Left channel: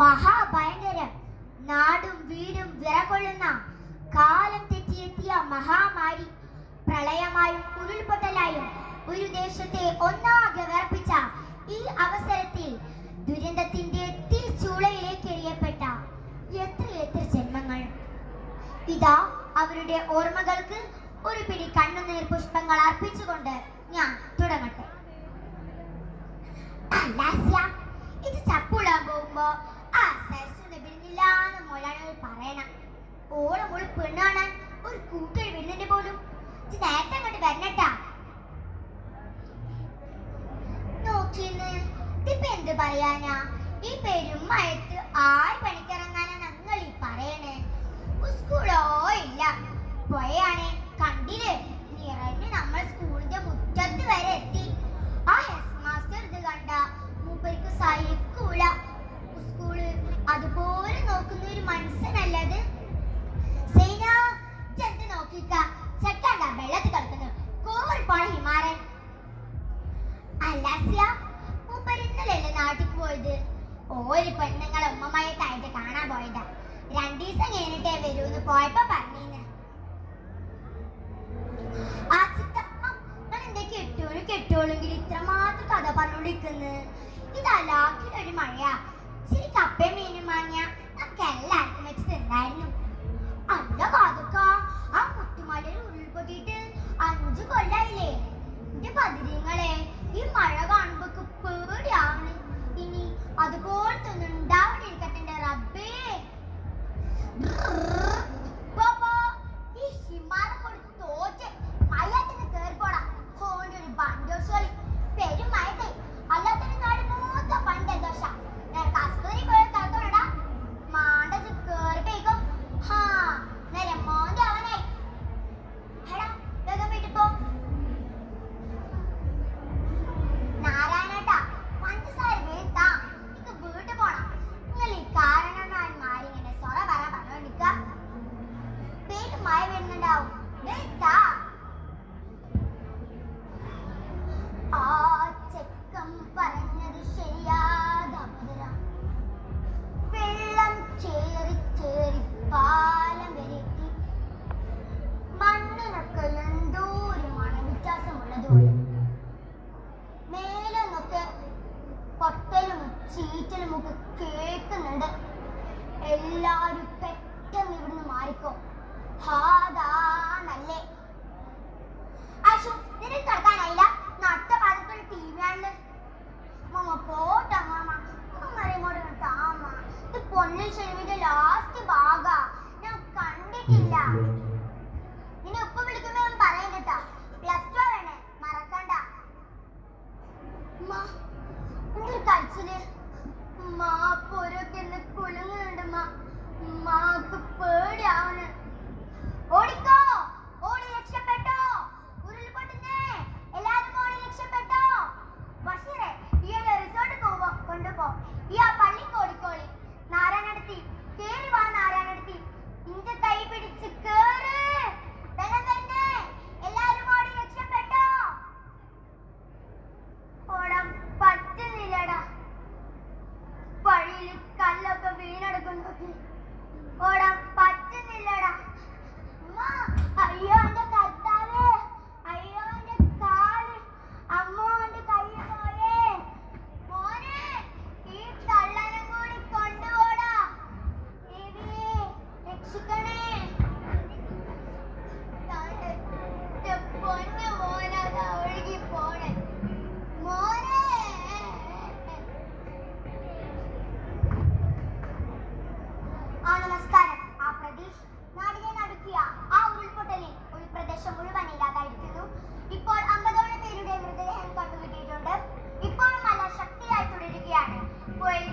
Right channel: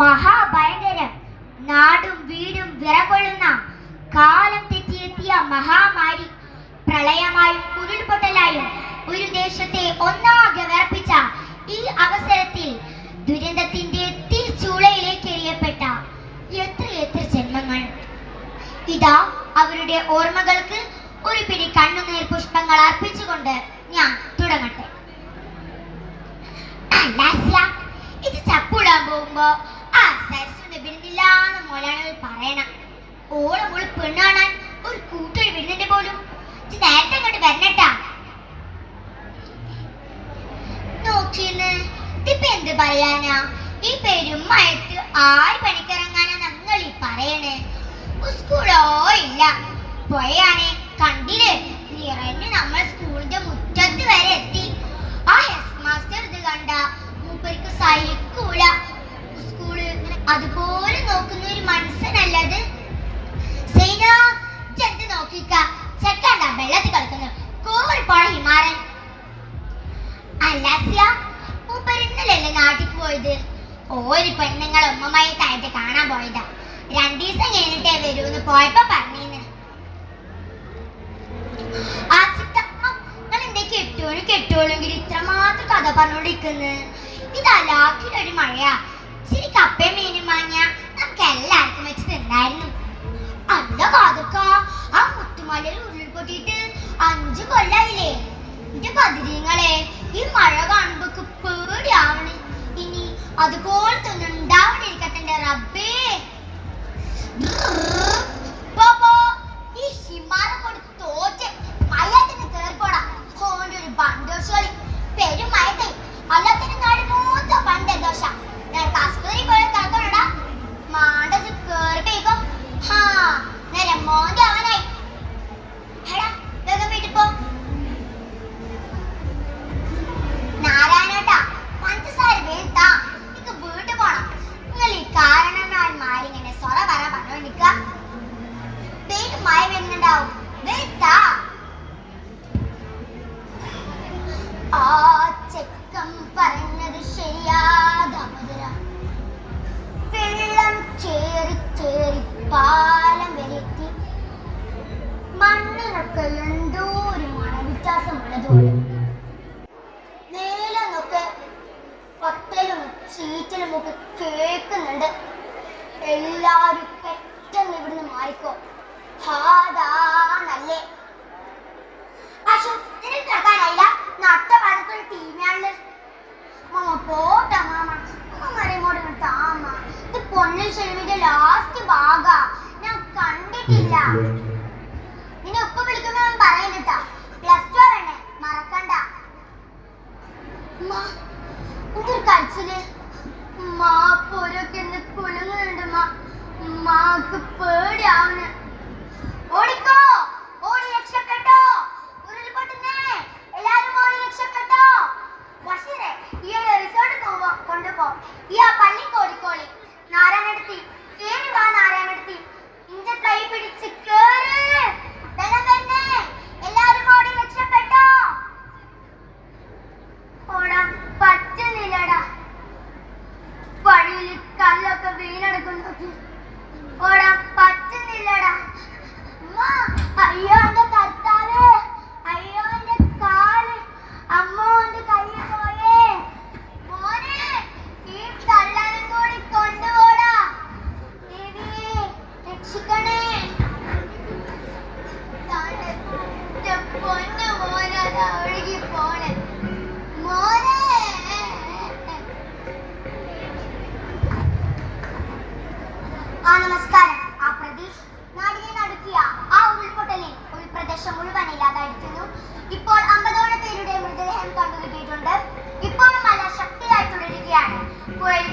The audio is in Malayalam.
മഹാഭയങ്കരം, നാടും വീടും വിറകൊള്ളുന്ന കാലം തെറ്റിയെത്തിയ മഹാമാരി, പ്രളയമായും ഉരുൾപൊട്ടലായും ഒരു ദേശത്തെ ഒന്നാകെ വിറപ്പിച്ച ഈ അവസരത്തിൽ ദുരന്തത്തിന്റെ തീച്ചൂളയിലേക്ക് എറിയപ്പെട്ട എത്രയെത്ര ജന്മങ്ങൾ. ഇതാ അവരുടെ ഓർമ്മകൾക്ക് ഒരു പിടി കണ്ണുനീർ പുഷ്പങ്ങൾ അർപ്പിച്ചുകൊണ്ട് ഞാൻ തുടങ്ങട്ടെ. ഇത് ചപ്പുടാൻ പോകുമ്പോ ആ സരസ്വതി വിടുന്നില്ലാന്ന് മോലാളികൾ പറയണം. ഓള് പെണ്ണാണാൻ ഒരു കൂട്ടൊരു വിടുന്നുണ്ട് പോലും. നേരത്തെ അങ്ങോട്ട് വരണട്ടാ. നോക്കിന്ന് ഇതിപ്പോ എന്ത് പറയാനാ? ഈ പെരുമഴത്ത് ആര് പണിക്കിറങ്ങാനാ ഞങ്ങൾ ഈ പറയണേ? സ്കൂളോ ഇല്ല, പോയാണേ കണ്ടില്ലേ നിറഞ്ഞ് നമ്മൾ സ്കൂളിന്റെ മുറ്റത്ത് വരെ എത്തി. ആ ഹെഡ് മാസ്റ്റർ ഇത് കണ്ട മൂപ്പർക്ക് സഹിക്കൂല. സ്കൂള് അതുപോലെ നോക്കുന്ന ഒരു മനസ്സനല്ലത്. ചെന്ന് നോക്കിക്ക, ചെക്കണ്ട വെള്ളത്തിൽ കളിക്കുന്നു കോറിപ്പോണ ഹിമാരൻ. അല്ലാസ്യ മൂപ്പർ ഇന്നലല്ലേ നാട്ടിക്ക് പോയത്? ഒരു പെണ്ണുങ്ങൾ ഉമ്മമായിട്ടായിട്ട് കാണാൻ പോയതാ. 2 ദിവസം കഴിഞ്ഞിട്ടേ വരൂന്ന് പോയപ്പോ പറഞ്ഞീന്ന്. ആ ചിത്തമ്മ നിങ്ങൾ എന്തേ കെട്ടോളെങ്കിൽ ഇത്രമാത്രം കഥ പറഞ്ഞോണ്ടിരിക്കുന്നു. ഇതല്ലാക്കിലൊരു മഴയാ. ഇച്ചിരി കപ്പയും മീനും വാങ്ങിയ നമുക്ക് എല്ലാവർക്കും വെച്ച് തിന്നായിരുന്നു. അല്ല കാതൊക്ക, ആ മുത്തുമലയിൽ ഉരുൾപൊട്ടിയിട്ട് 5 കൊല്ലായില്ലേ? എന്റെ ബദിരീങ്ങളെ, ഈ മഴ കാണുമ്പോ പേടിയാവണ്. ഇനി അതുപോലത്തെ ഒന്നും ഉണ്ടാവാണ്ടിരിക്കട്ടെ എന്റെ റബ്ബേ. ഈ ഹിമാലയം കൊണ്ട് തോറ്റ് മയത്തിന് കേറിപ്പോടാ. ഓന്റെ ഒരു ബണ്ടോഷോളി പെരും മയത്തെ അല്ലാത്തതിന് നാട് മൂത്ത പണ്ട് ദോശ. നേരത്തെ ആസ്പത്രി പോയ കിടക്കണടാ. മാണ്ടത് കേറിപ്പോ ഹാ നേരെ മോന്റെ അവനായി. എടാ വേഗം വീട്ടിൽ പോ. നാരായണേട്ടാ, പഞ്ചസാര വേണ്ടാ, എനിക്ക് വീട്ടിൽ പോണം. നിങ്ങൾ ഈ കാരണന്മാരിങ്ങനെ സൊറ പറഞ്ഞോണ്ടിക്ക. വീട്ടിൽ മഴ വരുന്നുണ്ടാവും, വേണ്ടാ. ആ ചെക്കം പറഞ്ഞത് ശരിയാതമര. വെള്ളം ചേറി ചേറി പാലം വരെത്തി. മണ്ണിനൊക്കെ എന്തോ ഒരു മണവ്യത്യാസമുള്ളതുപോലെ. മേലെന്നൊക്കെ പൊട്ടലും ചീറ്റലും ഒക്കെ കേൾക്കുന്നുണ്ട്. എല്ലാവരും പെട്ടെന്ന് ഇവിടുന്ന് മാറിക്കോ. ഹാദാണല്ലേ അശു, നിനക്ക് കിടക്കാനായില്ല? നട്ട പാലത്തൊരു ടീമാണല്ലേ മാമ. പോട്ടാ മാമ, മരങ്ങോട്ട് താമ. ഇത് പൊന്നിൽ ചെരുവിന്റെ ലാസ്റ്റ് ഭാഗാ, ഞാൻ കണ്ടിട്ടില്ല. നിന്നെ ഉപ്പ വിളിക്കുമ്പോ ഞാൻ പറയുന്നിട്ടാ. +2 വരണേ, മറക്കണ്ട. എന്തൊരു കരച്ചില്. പോരൊക്കെ എന്ന് കുലുങ്ങുന്നുണ്ട്. മാക്ക് പേടിയാവുന്നു. ഓടിക്കോ, ഓടി രക്ഷപ്പെട്ടോ. ഉരുൾപൊട്ടുന്നേ, എല്ലാരും ഓടി രക്ഷപ്പെട്ടോ. ബഷീറെ, ഈ റിസോർട്ട് കൊണ്ടുപോ. ഈ ആ പള്ളിക്ക് ഓടിക്കോളി. നാരായണടുത്തി കേറി വാ. നാരായണടുത്തി ഇന്റെ കൈ പിടിച്ച് കേറ്. വെള്ളം തന്നെ, എല്ലാരും ഓടി രക്ഷപ്പെട്ടോ. ഓടാൻ പറ്റുന്നില്ലടാ. വഴിയിൽ കല്ലൊക്കെ വീണെടുക്കുന്നു. ഓടാൻ പറ്റുന്നില്ലടാ. അയ്യോ എന്റെ കർത്താവേ, അയ്യോ എന്റെ കാല്, അമ്മോ എന്റെ കൈ പോയേ. മോനെ, ഈ കള്ളനും കൂടി കൊണ്ടുപോടാ. രക്ഷിക്കണേ. പൊന്നു മോനതാ ഒഴുകി പോണേ. മോനെ, നമസ്കാരം. ആ പ്രതീഷ് നാടിനെ നടുക്കിയ ആ ഉരുൾപൊട്ടലിൽ ഒരു പ്രദേശം മുഴുവൻ ഇല്ലാതായിരിക്കുന്നു. ഇപ്പോൾ 50ഓളം പേരുടെ മൃതദേഹം കണ്ടുകിട്ടിയിട്ടുണ്ട്. ഇപ്പോഴും മഴ ശക്തിയായി തുടരുകയാണ്. പുഴയിൽ